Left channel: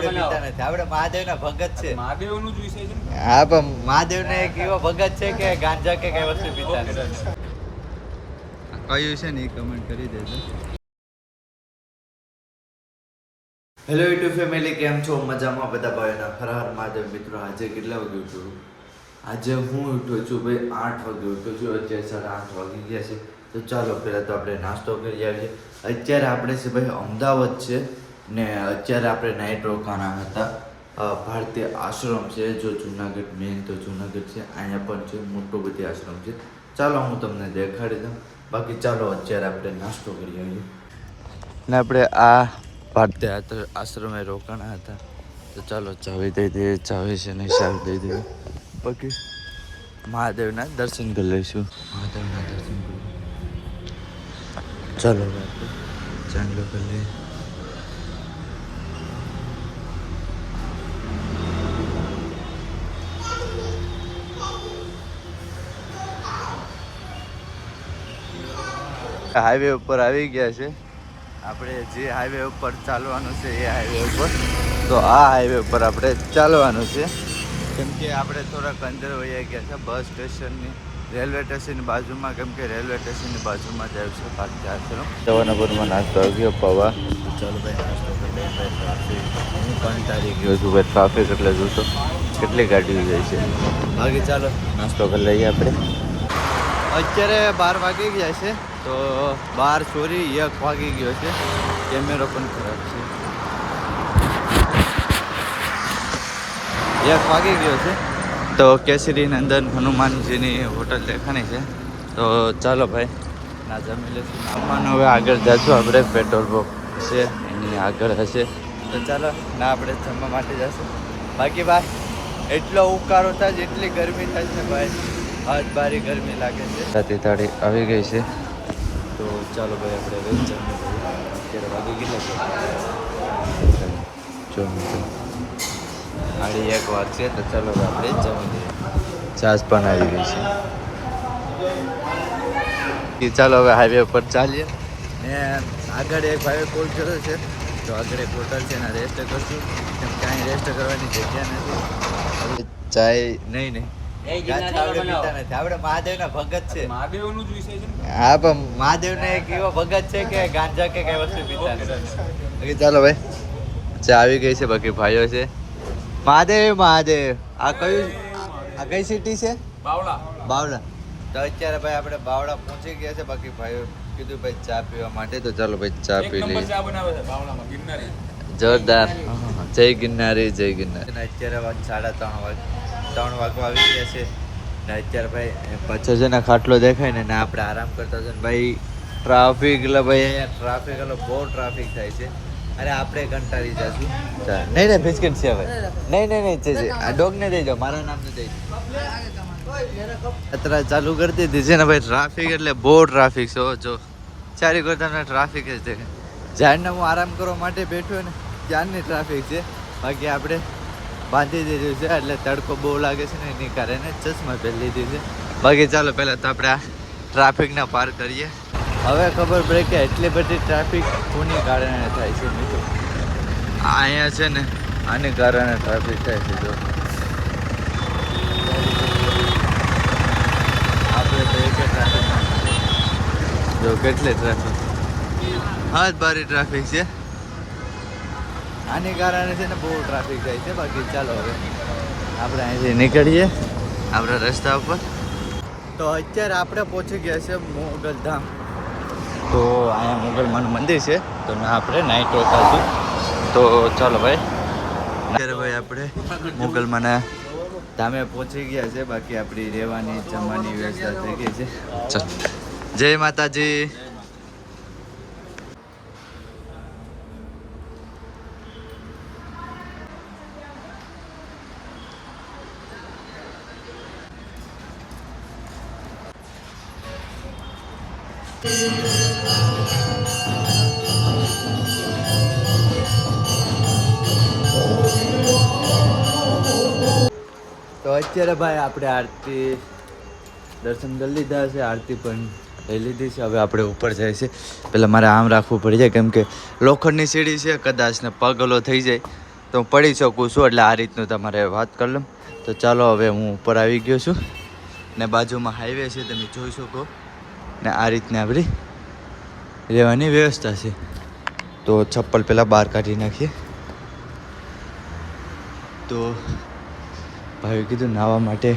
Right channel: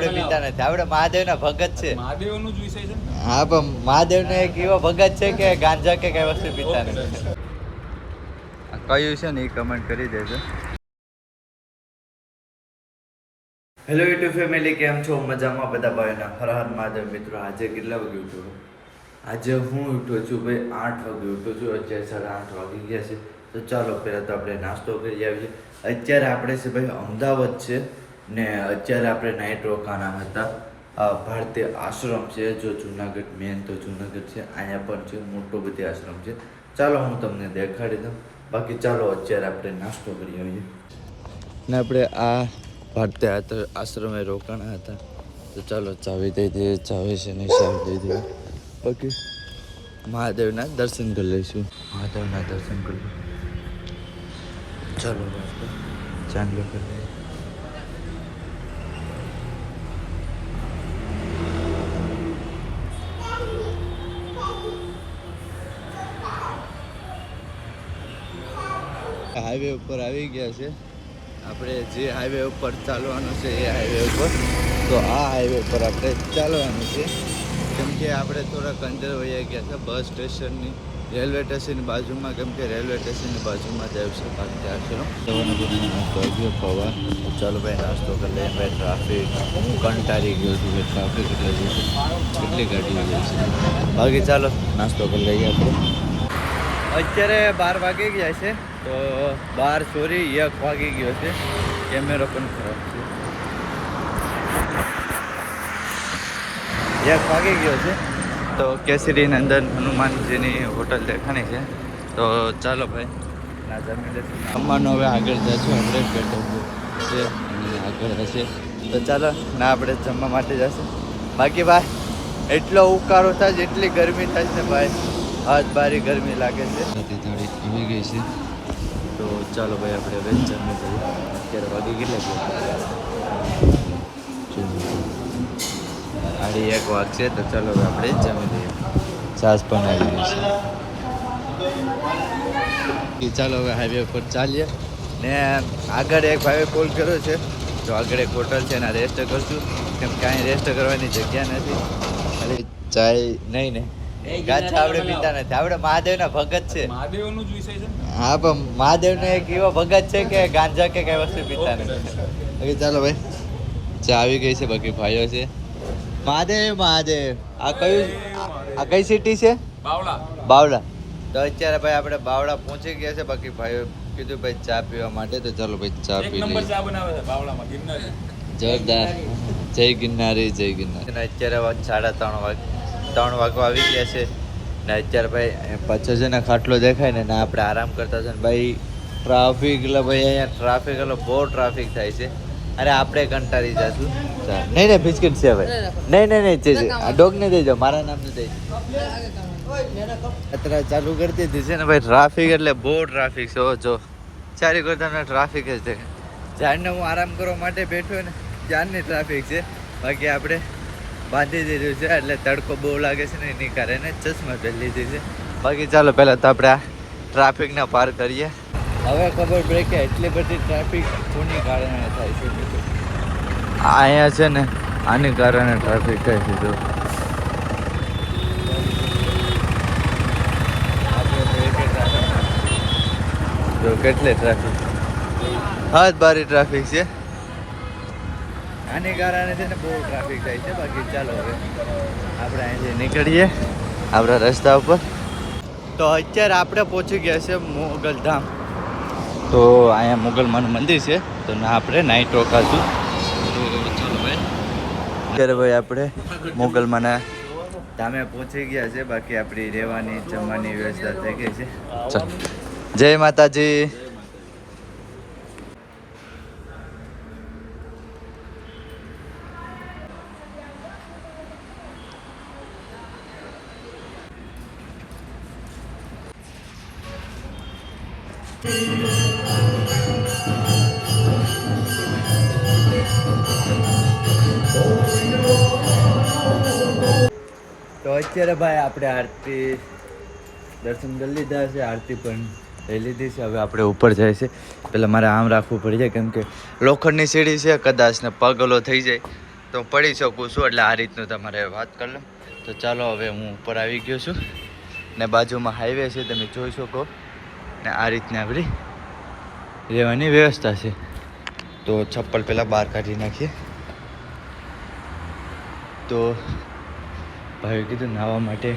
આપણે પીતા નથી. આપણે મહાદેવના ભગત છે. મહાદેવનું જ વિષય છે. હા પણ મહાદેવને એક એવો ભગત છે કે ગાંજા કે કઈ વસ્તુ પીતા નથી. કયું છે ને એ કમેન્ટ કરી દેજો. હેલો યુટ્યુબ ફેમિલી, કેમ છો? મજામાં બધા? ભાઈના હર હર મહાદેવ. મિત્રો આજે કેટલા વાગે ઉઠ્યો? આજે હું ઉઠ્યો છું ભાઈ 8 વાગે ઉઠ્યો છું. અત્યારે 8:30 વાગી ગયા છે. તો ચાલો પહેલાં તો આપણે નાસ્તો કરી આવીએ. અત્યારે આપણે છે ભાઈ અમદાવાદ છે ને અત્યારે આપણે નાઇટ રોકાણા હતા. ભારતીય આશ્રમ છે, જો જુનાગઢ મેન તો જુનાગઢ છે, અહીંયા પણ છે મોટો બધી આશ્રમ છે. ચાલો હું તમને દેખાડી દઉં. બાકી ચાલો અત્યારે આપણે નાસ્તો કરી આવીએ. ને આપણે આ ભારતીય આશ્રમે રોકાણા હતા. તો ચાલો ચાવી દઈ દઈએ. ચાવી છે ને ચાવી દઈ દઈએ. બાકી મહાદેવના દર્શન કરી લઈશું. મહાદેવના દર્શન કરી ચાલો ચાંદલો કરી લઈએ. હાઈવે ઉપર આવી ગયા છે આપણે. જે હાઈવે ઉપર ચાલવાનું છે એ હાઈવે ઉપર. તો આ હાઈવે ઉપર આપણે ચાલવાનું છે કેમ કે આપણે થોડાક અંદર વહી ગયા છે બસ સ્ટેશનની, રેલવે સ્ટેશનની બાજુમાં. કેમ કે રેલવે સ્ટેશનની બાજુમાં જ આવ્યું છે ભારતીય આશ્રમ. જવાનાપુરમાં નાસ્તો આવ્યો પૌવા. તો ચાલો ભાઈ નાસ્તો કરી લઈએ. ભાઈ ટ્રાફિક કંટાળી ગયો છું ભાઈ. ટ્રાફિક એટલે જોતો કેટલી ગાડીઓ જાય છે. બાકી ચાલો નાસ્તો કરી લઈએ આપણે. અત્યારે 12 વાગી ગયા છે. તો 1 વાગી ગયો છે. કેમેરો પણ ખરાબ છે. 1 વાગી ગયો છે. તો કેસરી નંદન હનુમાનજીની હોટલ દેખાણી છે. તો ચાલો ભાઈ ના જમી લેશું. સામાન હવે આગળ જશું આપણે. પેટ્રોલ પંપ છે એની આગળ હશે. તો ચાલો ના આપણે જમવા માટે જશું. બાકી ભાઈ એટલો ઉકાળો થાય છે, એટલી ગરમી થાય છે ભાઈ. આજ બારી ગરમી લાગે છે. રાતે તાળી આવી ગઈ છે. તો ચાલો ભાઈ આપણે હવે જમી લઈએ. અત્યારે વાગી કેટલા છે? 1 વાગશે. તો ચાલો હવે આપણે જમી લઈએ. છાશ પણ આવી ગઈ છે. ચાલો હવે હાઈવે ઉપર ચાલીએ. ને આગળ એક ભાઈએ કોલ કર્યો છે. તો આગળ એક હોટલ છે એના રેસ્ટ કરશું. કેમ કે અહીં રેસ્ટ કરવાની જગ્યા નથી. ચાય નહીં ગાંજા આપણે પીતા નથી. આપણે મહાદેવના ભગત છે. મહાદેવનું જ વિષય છે. હા પણ મહાદેવને એક એવો ભગત છે કે ગાંજા કે કઈ વસ્તુ પીતા નથી. ચાલો ભાઈ ચા આવી ગઈ છે. બાકી ભાઈઓ છે. મહાદેવ મહાદેવ. આ કઈ સિટી છે? બાવળા. તો અત્યારે ભાઈ આપણે બાવળા પહોંચી ગયા છે. બાકી ભાઈઓ કીધું ભાઈ ચા પીવા માટે. તો ચાલો ભાઈ ચા પી લઈએ. જોરદાર. જય ગિરનારી, જય ગિરનારી. અત્યારે 3 વાગવા આવી ગયા છે. ને અત્યારે ભાઈ પાછળ છે ને ખાટલો દેખાય ને આપણે આરામ કરતા છે ને ભાઈ. ટ્રાફિક એટલે ભાઈ અહીંયા ટ્રાફિક એટલે બહુ ટ્રાફિક થાય છે. અરે આપણે કંટાળી જશું. નહીં બિસ્કિટ છે ભાઈ. નહીં છે આ ડોગ ને દઈ જાઓ. મારા નામને દઈ અત્યારે ચાલુ કરી દીધી છે ને ભાઈ. ટ્રાફિક એટલે બહુ ટ્રાફિક છે. જો ચારી કરતા ટ્રાફિક જ દેખાય. જ્યારને હું આરામ કરવા માટે બેઠો ને ત્યારની ટ્રાફિક છે. બાકી આપણે બાંધી દીધું છે એટલે તડકો બહુ લાગે છે ને એની કારણે ચશ્મા પહેરી લીધી છે. બાકી ચાલો પહેલાં તો આપણે આ ટ્રાફિકને પાર કરીએ. હવે ખબર પડે કે એટલી બધી ટ્રાફિક કોની કારણે થાય છે મિત્રો. અહીંયા છે ને આની કારણે ટ્રાફિક થાય છે. તો જો કેટલી ટ્રાફિક, હાથ બારી ટ્રાફિક છે. આને કારણે છે ને બહુ ટ્રાફિક થાય છે. બાકી ચાલો હવે આપણે અહીંથી નીકળીએ આપણા રસ્તા ઉપર. તો અત્યારે આપણે પહોંચી ગયા છે મોગલધામ. તો અહીંયા મોગલમાનું મંદિર છે. તો આપણે નાઇટ રોકાશું. તો ચાલો ભાઈ અત્યારે ભાઈ આપણે મોગલમાના ધામે પહોંચી ગયા છે. બાકી આપણી રહેવાની જમવાની વ્યવસ્થા થઈ ગઈ છે. ચાલો જય માતાજી. તો અત્યારે ભાઈ આપણે આરતી દર્શન કરી લીધા છે. આરતી પણ લઈ લીધી છે. હવે આપણે ઉપર જાય છે. પહેલાં મારે આમ રાખવું પડી જાય કેમ કે લોખંડની સીડી છે. કદાચ ને પગ ઓલો થઈ જાય તો હું પડી શકું છું, એટલે આ રીતનું તમારે વાત કરી લઉં. તો ચાલો હવે હું ઉપર આવી ગયો છું ને બાજુમાં હાઈવે છે તમે જોઈ શકો ને આ રીતની આપણી રહેવાની વ્યવસ્થા છે. તો ચપ્પલ પહેલાં બહાર કાઢી નાખીએ. તો ભાઈ કીધું નાહવા માટે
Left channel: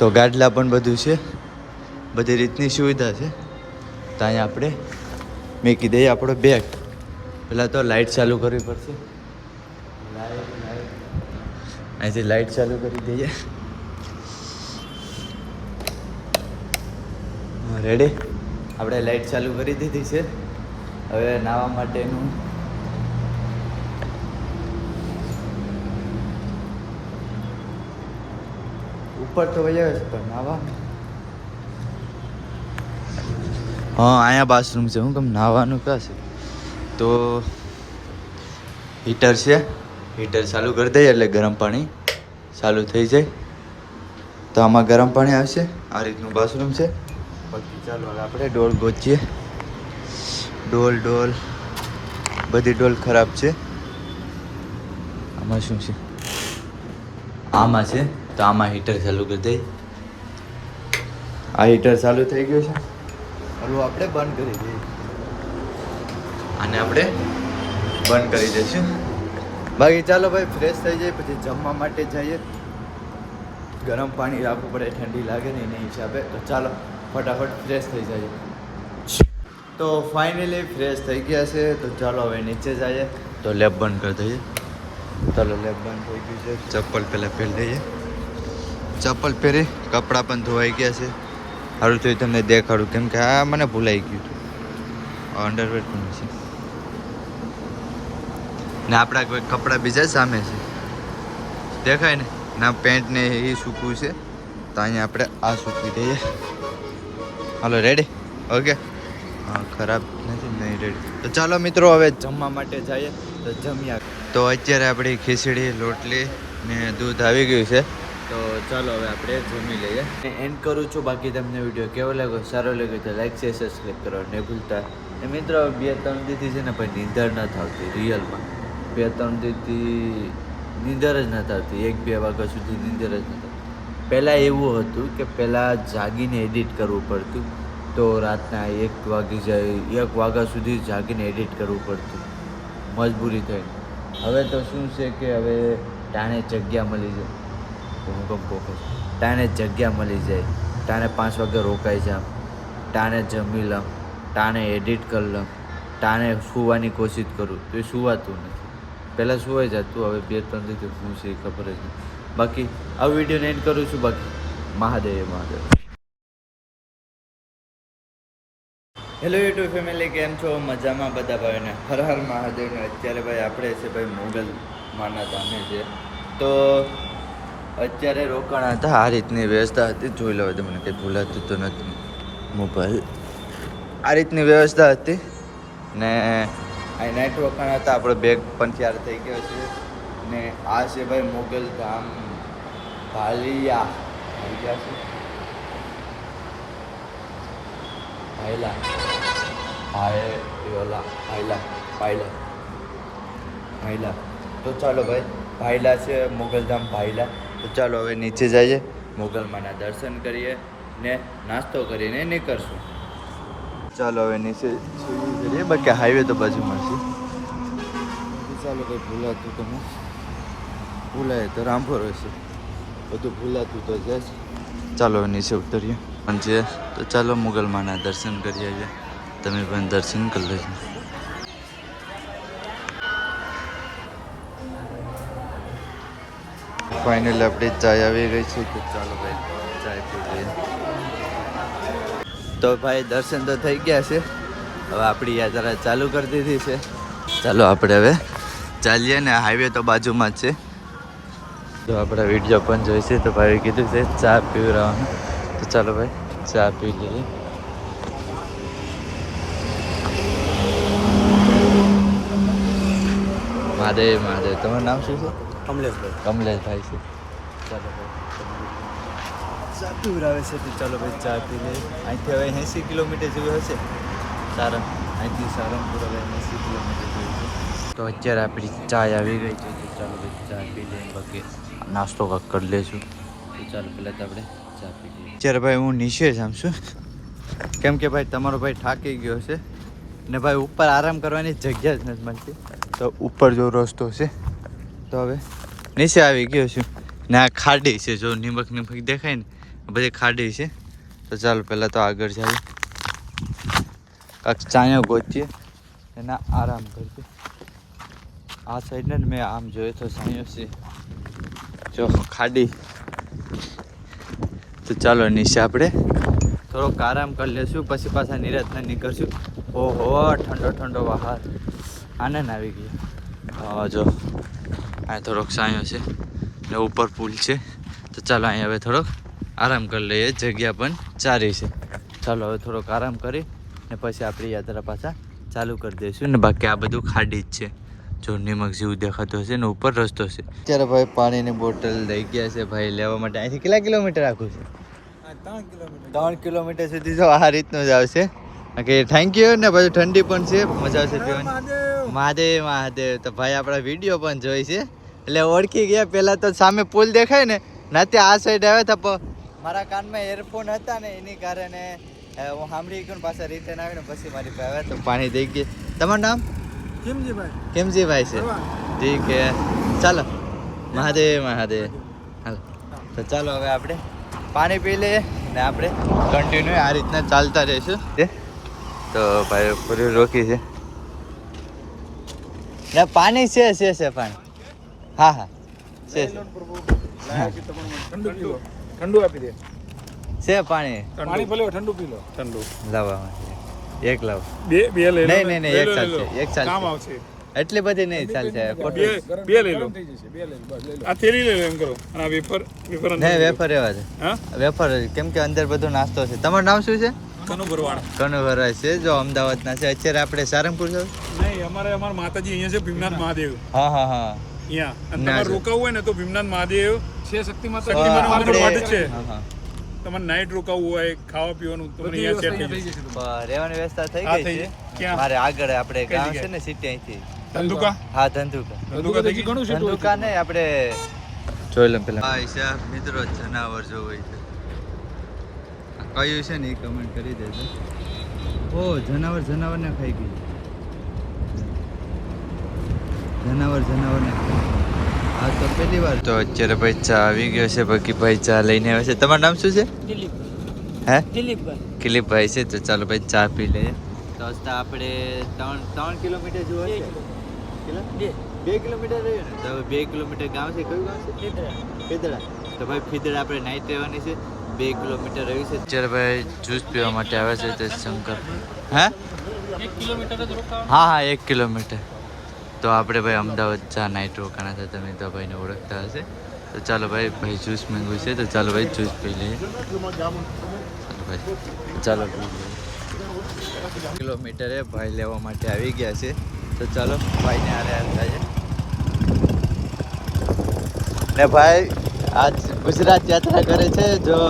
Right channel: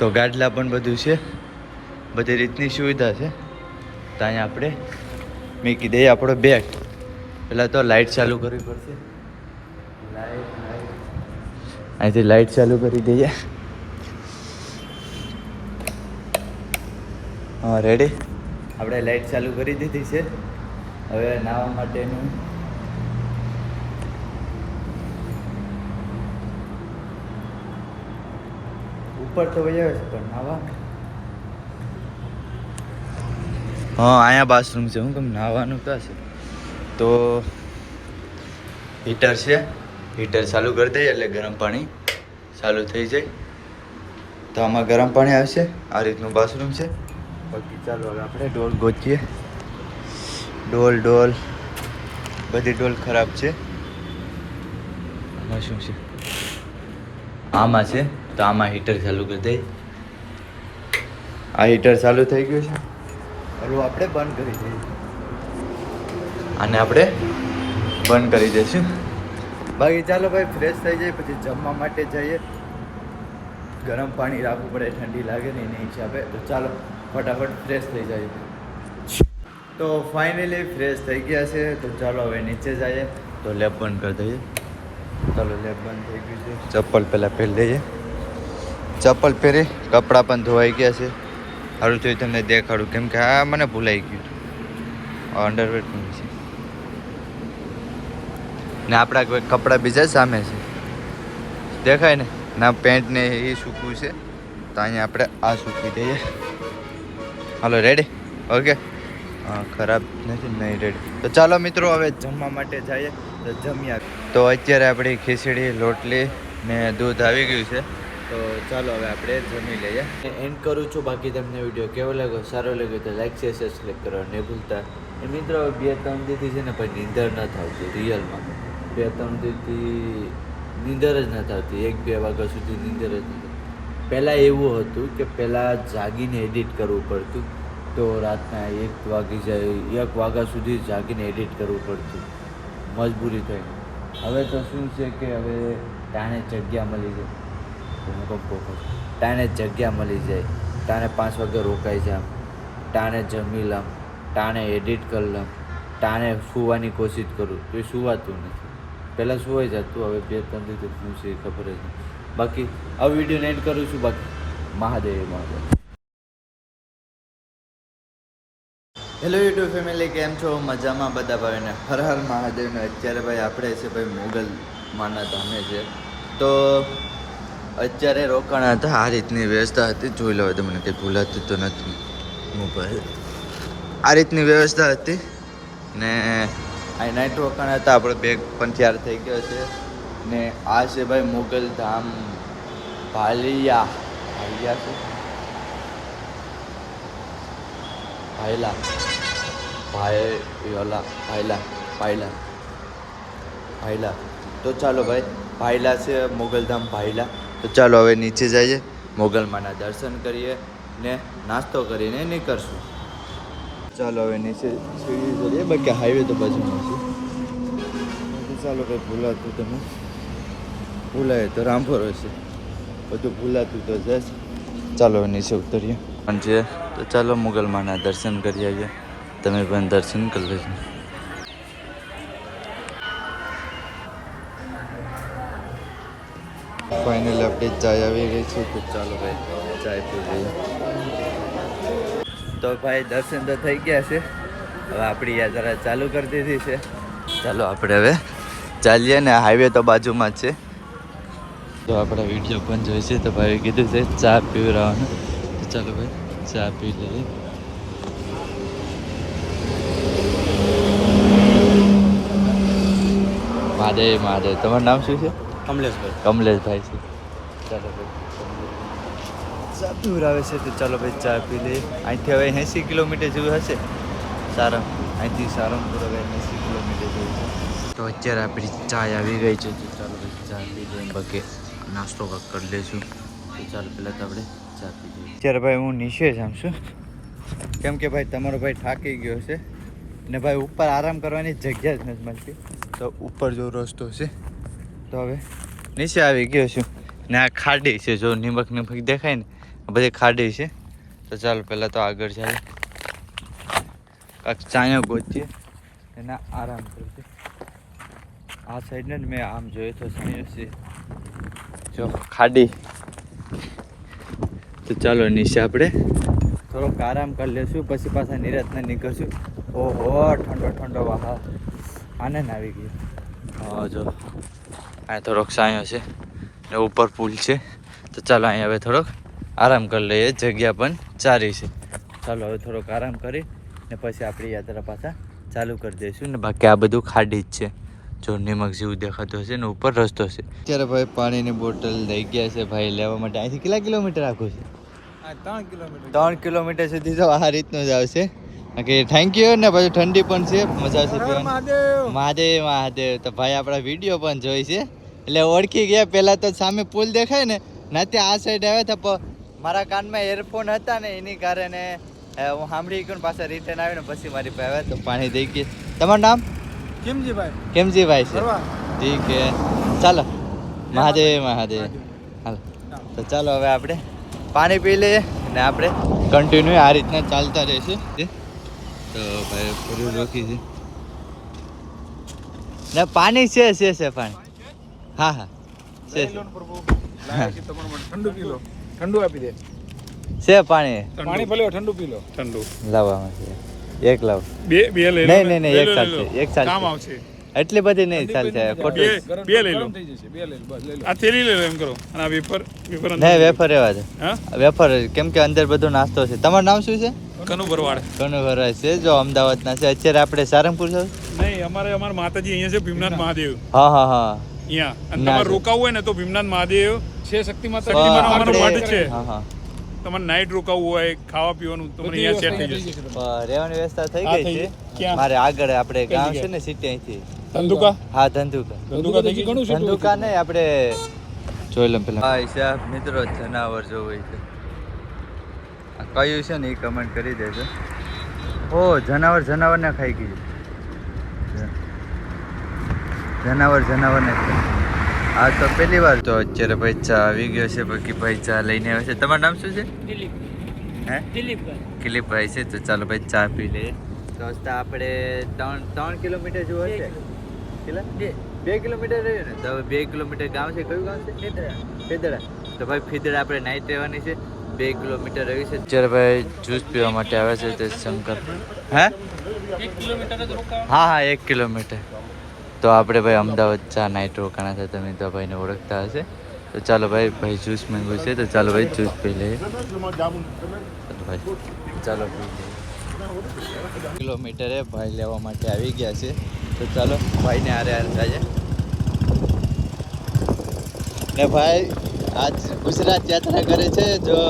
તો ગાડલા પણ બધું છે, બધી રીતની સુવિધા છે. તો અહીંયા આપણે મૂકી દઈએ આપણો બેગ. પહેલાં તો લાઇટ ચાલુ કરવી પડશે. અહીંથી લાઇટ ચાલુ કરી દઈએ. હા રેડી, આપણે લાઇટ ચાલુ કરી દીધી છે. હવે નાહવા માટેનું ઉપર તો વજાવે છે પણ નાહવા હા અહીંયા બાથરૂમ છે. હું કેમ નાહવાનું ક્યાં છે? તો હીટર છે, હીટર ચાલુ કરી દઈએ એટલે ગરમ પાણી ચાલુ થઈ જાય. તો આમાં ગરમ પાણી આવશે. આ રીતનું બાથરૂમ છે. બાકી ચાલો હવે આપણે ડોલ ગોતીએ. ડોલ બધી ડોલ ખરાબ છે. આમાં શું છે? આમાં છે. તો આમાં હીટર ચાલુ કરી દઈએ. આ હીટર ચાલુ થઈ ગયું છે. ઓલું આપણે બંધ કરી દઈએ. આને આપણે બંધ કરી દઈશું. બાકી ચાલો ભાઈ ફ્રેશ થઈ જાય પછી જમવા માટે જઈએ. ગરમ પાણી રાખવું પડે, ઠંડી લાગે ને એના હિસાબે. તો ચાલો ફટાફટ ફ્રેશ થઈ જાય. તો ફાઇનલી ફ્રેશ થઈ ગયા છે. તો ચાલો હવે નીચે જઈએ. તો લેબ બંધ કરી દઈએ. ચાલો લેબ બંધ થઈ ગયું છે. ચપ્પલ પહેલાં પહેરી લઈએ. ચપ્પલ પહેરી કપડાં પણ ધોવાઈ ગયા છે. સારું તો તમને દેખાડું કેમ કે આ મને ભૂલાઈ ગયું. અંડરવેર પણ છે ને આપણા કોઈ કપડાં બીજા સામે છે દેખાય ને. ના પેન્ટ ને એ સૂકવું છે. તો અહીંયા આપણે આ સૂકી દઈએ. હાલો રેડી? ઓકે. હા ખરાબ નથી નહીં રેડી. તો ચાલો મિત્રો હવે જમવા માટે જઈએ. તો જમ્યા. તો અત્યારે આપણી ખીચડી રોટલી ને દૂધ આવી ગયું છે. તો ચાલો હવે આપણે જમી લઈએ. એન્ડ કરું છું. બાકી તમને વિડીયો કેવો લાગ્યો, સારો લાગ્યો તો લાઈક શેર સબસ્ક્રાઈબ કરવા નહીં ભૂલતા. એ મિત્રો 2-3 દીથી છે ને ભાઈ નીંદર નથી આવતી. રિયલમાં 2-3 દીથી નીંદર જ નથી આવતી. 1-2 વાગ્યા સુધી નીંદર જ નથી. પહેલાં એવું હતું કે પહેલાં જાગીને એડિટ કરવું પડતું. તો રાતના 1 વાગી જાય, 1 વાગ્યા સુધી જાગીને એડિટ કરવું પડતું મજબૂરી થઈને. હવે તો શું છે કે હવે ટાણે જગ્યા મળી જાય. તો હું કમ કહું ટાણે જગ્યા મળી જાય. ટાણે 5 વાગે રોકાઈ જામ, ટાણે જમી લઉં, ટાણે એડિટ કરી લઉં, ટાણે સૂવાની કોશિશ કરું તો એ સૂવાતું નથી. પહેલાં સુવાઈ જતું, હવે 2-3 દિવસ શું છે એ ખબર જ નહીં. બાકી આ વિડીયોને એન્ડ કરું છું. બાકી મહાદેવ. હેલો યુટ્યુબ ફેમિલી, કેમ છો? મજામાં બધા ભાઈને હર હર મહાદેવને. અત્યારે ભાઈ આપણે છે ભાઈ મોગલ માના ધામે છે. તો અત્યારે રોકાણ હતા. આ રીતની વ્યવસ્થા હતી. જોઈ લો તો મને કંઈ ભૂલાતું તો નથી. મોબાઈલ આ રીતની વ્યવસ્થા હતી ને અહીં નાઇટ રોકાણ હતા. આપણો બેગ પણ તૈયાર થઈ ગયો છે ને આ છે ભાઈ મોગલ ધામ ભાલિયા છે ભાઈલા. તો ચાલો ભાઈ ભાઈલા છે મોગલધામ ભાઈલા. તો ચાલો હવે નીચે જઈએ, મોગલમાના દર્શન કરીએ ને નાસ્તો કરીને નીકળશું. ચાલો હવે નીચે જઈએ. બાકી હાઈવે તો બાજુમાં છે. ચાલો ભાઈ ભૂલાતું તમે ભૂલાય તો રામભરો છે, બધું ભૂલાતું તો જશે. ચાલો નીચે ઉતરીએ પણ છે. તો ચાલો મોગલમાના દર્શન કરી આવીએ. તમે પણ દર્શન કરી લેજો. ફાઇનલી આપણે ચાય આવી ગઈ છે. તો ચાલો ભાઈ ચાય પી લઈએ. તો ભાઈ દર્શન તો થઈ ગયા છે. હવે આપણી યાત્રા ચાલુ કરી દીધી છે. ચાલો આપણે હવે ચાલીએ ને. હાઈવે તો બાજુમાં જ છે. તો આપણા વિડીયો પણ જોઈશે. તો ભાઈ કીધું છે ચા પીવડાવવાનું. તો ચાલો ભાઈ ચા પી લઈએ. મહાદેવ. તમારું નામ શું છે? કમલેશભાઈ છે. ચાલો ભાઈ ચા પીવડાવે છે. તો ચાલો ભાઈ ચા પી લઈએ. અહીંથી હવે 80 કિલોમીટર જેવું હશે. અહીંથી સારંગપુર હવે 80 કિલોમીટર જેવું છે. તો અત્યારે આપણી ચાય આવી ગઈ છે તો ચાલો ભાઈ ચા પી લઈએ બાકી નાસ્તો કાંક કરી લઈશું તો ચાલો પહેલાં તો આપણે ચા પી લઈએ અત્યારે ભાઈ હું નીચે જામ છું કેમ કે ભાઈ તમારો ભાઈ થાકી ગયો છે ને ભાઈ ઉપર આરામ કરવાની જગ્યા જ નથી મળતી તો ઉપર જો રસ્તો છે તો હવે નીચે આવી ગયો છું ને આ ખાડી છે જો નિમક દેખાય ને આ બધી ખાડી છે તો ચાલો પહેલાં તો આગળ જઈએ કાંક ચાયા ગોતીએ એના આરામ કરશે આ સાઈડને જ મેં આમ જોયું તો સાયો છે જો ખાડી તો ચાલો નીચે આપણે થોડોક આરામ કરી લેશું પછી પાછા નિરાતના નીકળશું ઓહો ઠંડો ઠંડો બહાર આનંદ આવી ગયો જો આ થોડોક સાયો છે ને ઉપર પુલ છે તો ચાલો અહીં હવે થોડોક આરામ કરી લઈએ જગ્યા પણ સારી છે ચાલો હવે થોડોક આરામ કરી ને પછી આપણી યાત્રા પાછા ચાલુ કરી દઈશું ને બાકી આ બધું ખાડી જ છે જો નિમક જેવું દેખાતું હશે ને ઉપર રસ્તો છે અત્યારે ભાઈ પાણીની બોટલ લઈ ગયા છે ભાઈ લેવા માટે અહીંથી કેટલા કિલોમીટર આખું છે 3 કિલોમીટર સુધી તો આ રીતનું જ આવશે કે થેન્ક યુ ને પછી ઠંડી પણ છે મજા આવશે પીવાની મહાદેવ મહાદેવ તો ભાઈ આપણા વિડીયો પણ જોઈ છે એટલે ઓળખી ગયા પહેલાં તો સામે પુલ દેખાય ને નાતે આ સાઈડ આવ્યા હતા પણ મારા કાનમાં એરફોન હતા ને એની કારણે હું સાંભળી ગયો પાછા રિટર્ન આવ્યો ને પછી મારી પાસે આવ્યા તો પાણી દઈ ગઈ તમારું નામ કેમજીભાઈ છે ઠીક છે ચાલો મહાદેવ મહાદેવ હાલો તો ચાલો હવે આપણે પાણી પી લઈએ ને આપણે કન્ટિન્યુ આ રીતના ચાલતા રહીશું તો ભાઈ પૂરી રોકી છે ને પાણી છે પાણી હા હા છે ઠંડુ આપી દે છે પાણી ભલે ઠંડુ પી લો ઠંડુ લાવવા એક લાવ બે લઈ લો નહીં એક ચાલશે એક ચાલશે એટલી બધી નહીં ચાલશે બે લઈ લો બે લઈ લો આ તેરી લઈ લો એમ કરો અને આ વેફર નહીં વેફર એવા છે વેફર કેમ કે અંદર બધો નાસ્તો છે તમારું નામ શું છે કનુ ભરવાડ છે જો અમદાવાદના છે અત્યારે આપણે સારંગપુર છો નહીં અમારા માતાજી અહીંયા છે ભીમનાથ મહાદેવ હા અહીંયા અને તમારે રોકાવું હોય ને તો ભીમનાથ મહાદેવ છે શક્તિમાન અમારો મઠ છે તમારે નાઈટ રોકાવું હોય ખાવા પીવાનું તો અહીંયા સેટ થઈ જશે રહેવાની વ્યવસ્થા થઈ ગઈ છે ક્યાં મારે આગળ આપણે ગામ છે ને સિટી અહીંથી ધંધુકા હા ધંધુકા થઈ ગઈ ધંધુકા નહીં આપણે જોઈ લો પેલા ભાઈ સાહેબ મિત્રો જનાવર જોવું છે કયું છે ને એ કમેન્ટ કરી દેજો ઓ જનાવરને ખાઈ ગયું જનાવરને આ તો પહેલી વાર તો અત્યારે ભાઈ ચા આવી ગયો છે બાકી ભાઈ ચા લઈને આવે છે તમારું નામ શું છે દિલીપભાઈ છે તો ચાલો ભાઈ ચા પી લઈએ તો રસ્તા આપણે 3 કિલોમીટર જેવું હશે કેટલા 2 કિલોમીટર રહ્યું ને તો હવે 2 કિલોમીટર ગામ છે કયું ગામ છે ફીદડા તો ભાઈ ફીદડા આપણે નાઈટ રહેવાની છે 2 કિલોમીટર રહ્યું છે અત્યારે ભાઈ જ્યુસ પીવા માટે આવે છે તો શંકર હે 1 કિલોમીટર હા 1 કિલોમીટર તો આપણે ભાઈ અમદાવાદ ચા નાઈટ રોકાણા છે તમે તો ભાઈને ઓળખતા હશે તો ચાલો ભાઈ જ્યુસ માંગ્યું છે તો ચાલો ભાઈ જ્યુસ પી લઈએ ચાલો પી લઈએ કિલોમીટરે ભાઈ લેવા માટે આવી ગયા છે તો ચાલો ભાઈને હારે થાય ને ભાઈ આજ ગુજરાત યાત્રા કરે છે જો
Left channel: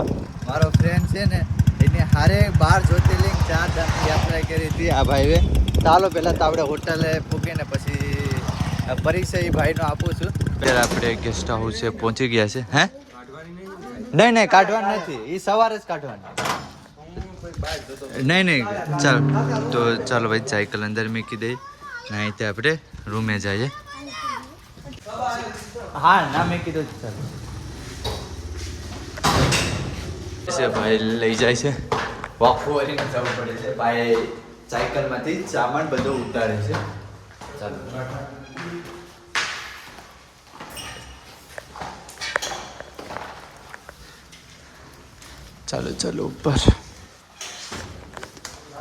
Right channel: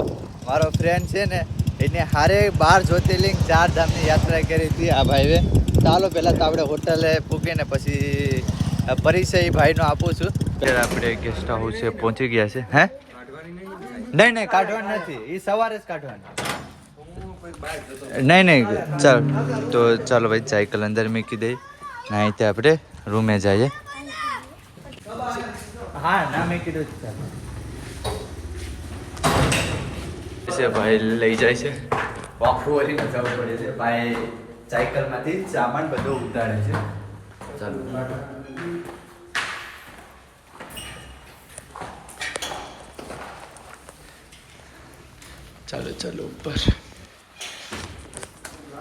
મારો ફ્રેન્ડ છે ને એને હારે 12 જ્યોતિર્લિંગ 4 ધામની યાત્રા કરી હતી આ ભાઈએ ચાલો પહેલાં તો આપણે હોટલે પૂગીને પછી પરિચય ભાઈનો આપું છું અત્યારે આપણે ગેસ્ટ હાઉસ છે પહોંચી ગયા છે હે નહીં કાઢવાનું નથી એ સવારે જ કાઢવાનું નહીં ચાલો ભાઈ સાયકલ અંદર મૂકી દઈએ ને અહીંથી આપણે રૂમે જઈએ હા ના મૂકી દઉં ચાલો ભાઈ લઈ જાય છે વાફુવારી જવું પડે છે ભાઈ સાયકલમાંથી સામાન બધો ઉતારે છે ચાલો ઉપર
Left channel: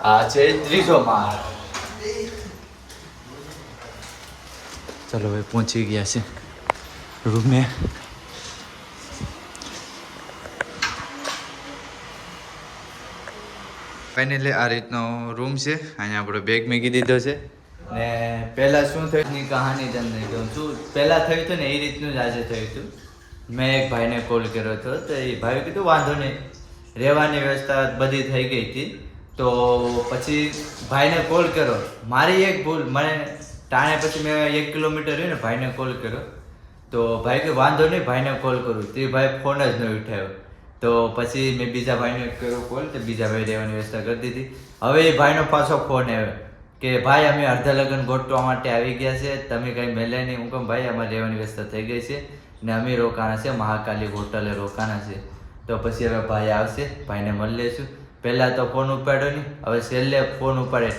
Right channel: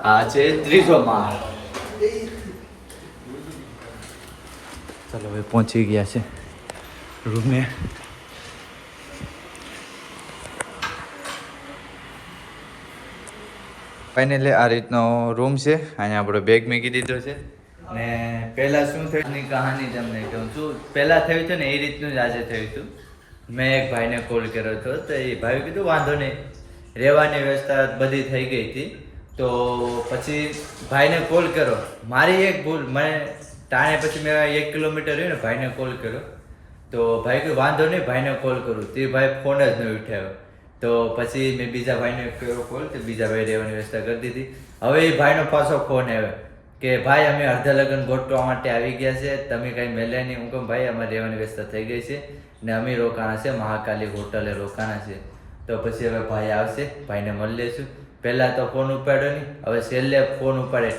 આ છે 300 માં ચાલો ભાઈ પહોંચી ગયા છે રૂમે ફાઇનલી આ રીતનો રૂમ છે અહીંયા આપણો બેગ મૂકી દીધો છે ને પહેલાં શું થયું ની કહાની તમને કહું છું પહેલાં થયું હતું ને એ રીતનું જ આજે થયું હતું મેં એક ભાઈને કોલ કર્યો હતો તો એ ભાઈએ કીધું વાંધો નહીં રહેવાની વ્યવસ્થા બધી થઈ ગઈ હતી તો પછી ભાઈને કોલ કર્યો મારી એક ભૂલ મને તાણે પછી મેં 1 કિલોમીટર રહ્યું ને ભાઈને કોલ કર્યો તો ભાઈ કે વાંધો નહીં ભાઈને કોલ કરું તે ભાઈ ફોન જ ન ઉઠાવ્યો તો પછી મેં બીજા ભાઈને કર્યો કોલ તો બીજા ભાઈ રહેવાની વ્યવસ્થા કરી દીધી હવે એ ભાઈનો પાછો ફોન આવ્યો કે ભાઈ અમે અડધા લગ્ન ગોઠવવા માટે આવી ગયા છે તમે કંઈ મેલ્યા નહીં હું કહું ભાઈ અમારે રહેવાની વ્યવસ્થા થઈ ગઈ છે ને અમે રોકાણા છે મહાકાલી હોટલે રોકાણા છે તો પછી હવે ભાઈ આવશે ભાઈને મળી લઈશું પહેલાં તો ફોન ઉપાડ્યો નહીં હવે છેલ્લે ફોન ઉપાડે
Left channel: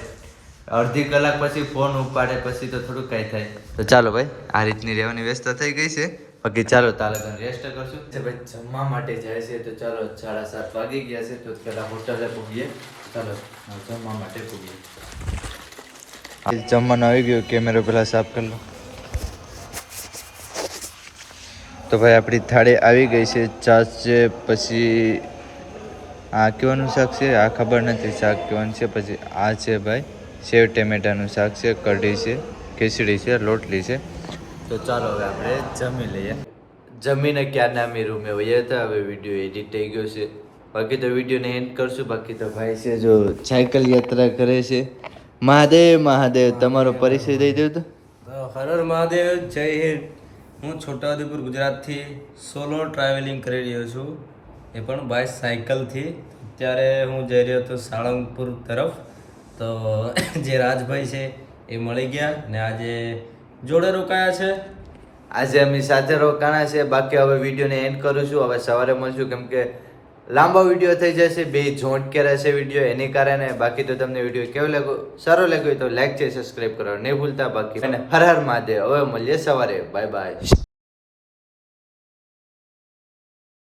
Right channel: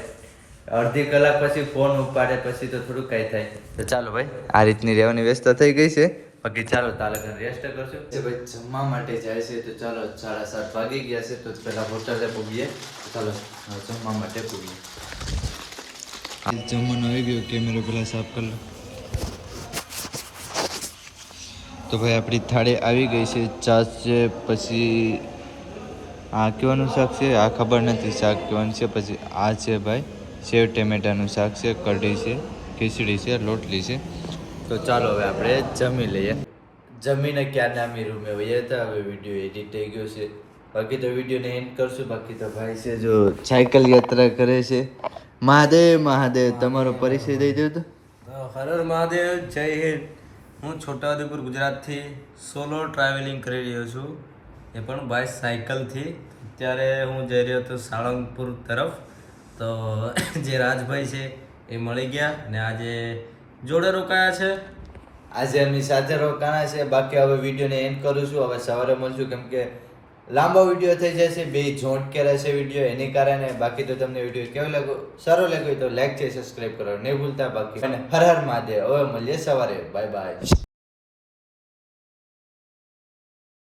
અડધી કલાક પછી ફોન ઉપાડે પછી તો થોડું કાંઈ થાય તો ચાલો ભાઈ આ રીતની રહેવાની વ્યવસ્થા થઈ ગઈ છે બાકી ચાલો તારે રેસ્ટ કરશું ભાઈ જમવા માટે જાય છે તો ચાલો 7:30 વાગી ગયા છે તો પહેલાં હોટલે પૂગીએ ચાલો જમવા માટે પૂગીએ જમવાનું આવી ગયું કેમેરો પહેલાં સાફ કરી લો તો ભાઈ આપણી થાળી આવી ગઈ છે છાશ છે પછી આ કેવાનું શાક છે આ ખબર નથી શાક કેવાનું છે પછી આ છે ભાઈ સેવ ટમેટાનું શાક છે કઢી છે ખીચડી છે રોટલી છે તો ચાલો હવે આપણે જમી લઈએ જમીને ક્યારના અમે રૂમે વયા હતા હવે વિડીયો એડિટ થઈ ગયો છે બાકી તો વિડીયોને એન્ડ કરશું બાકી તો ભાઈ છે જો સાયકલ યાત્રા કરે છે મહાદેવ મહાદેવ તમારો પરિચય દઈ દઉં તો હર હર મહાદેવ જય હિન્દ હું છોટાઉદેપુર ગુજરાતથી સોલો ટ્રાવેલિંગ કરી રહ્યો છું એ પણ બાય સાયકલથી અત્યારે હું જઈ રહ્યો હતો સાળંગપુર તરફ તો જે રાજભાઈ છે એ મળી ગયા ને આજે જોડે રોકાયા છે આજે અમે સાથે રોકાણા છે બાકી હવે વિડીયોને એન્ડ કરું છું હવે સવારે મળશું કેમ કે લાંબો વિડીયો થઈ જશે બે જોન્ટ કરે છે વિડીયો એની કારણે બાકી તો તમને વિડીયો કેવો લાગ્યો સારો લાગ્યો તો લાઈક છે સબસ્ક્રાઈબ કરો નહીં ભૂલતા બાકી હર હર મહાદેવ હવે મળીએ સવારે બાય બાય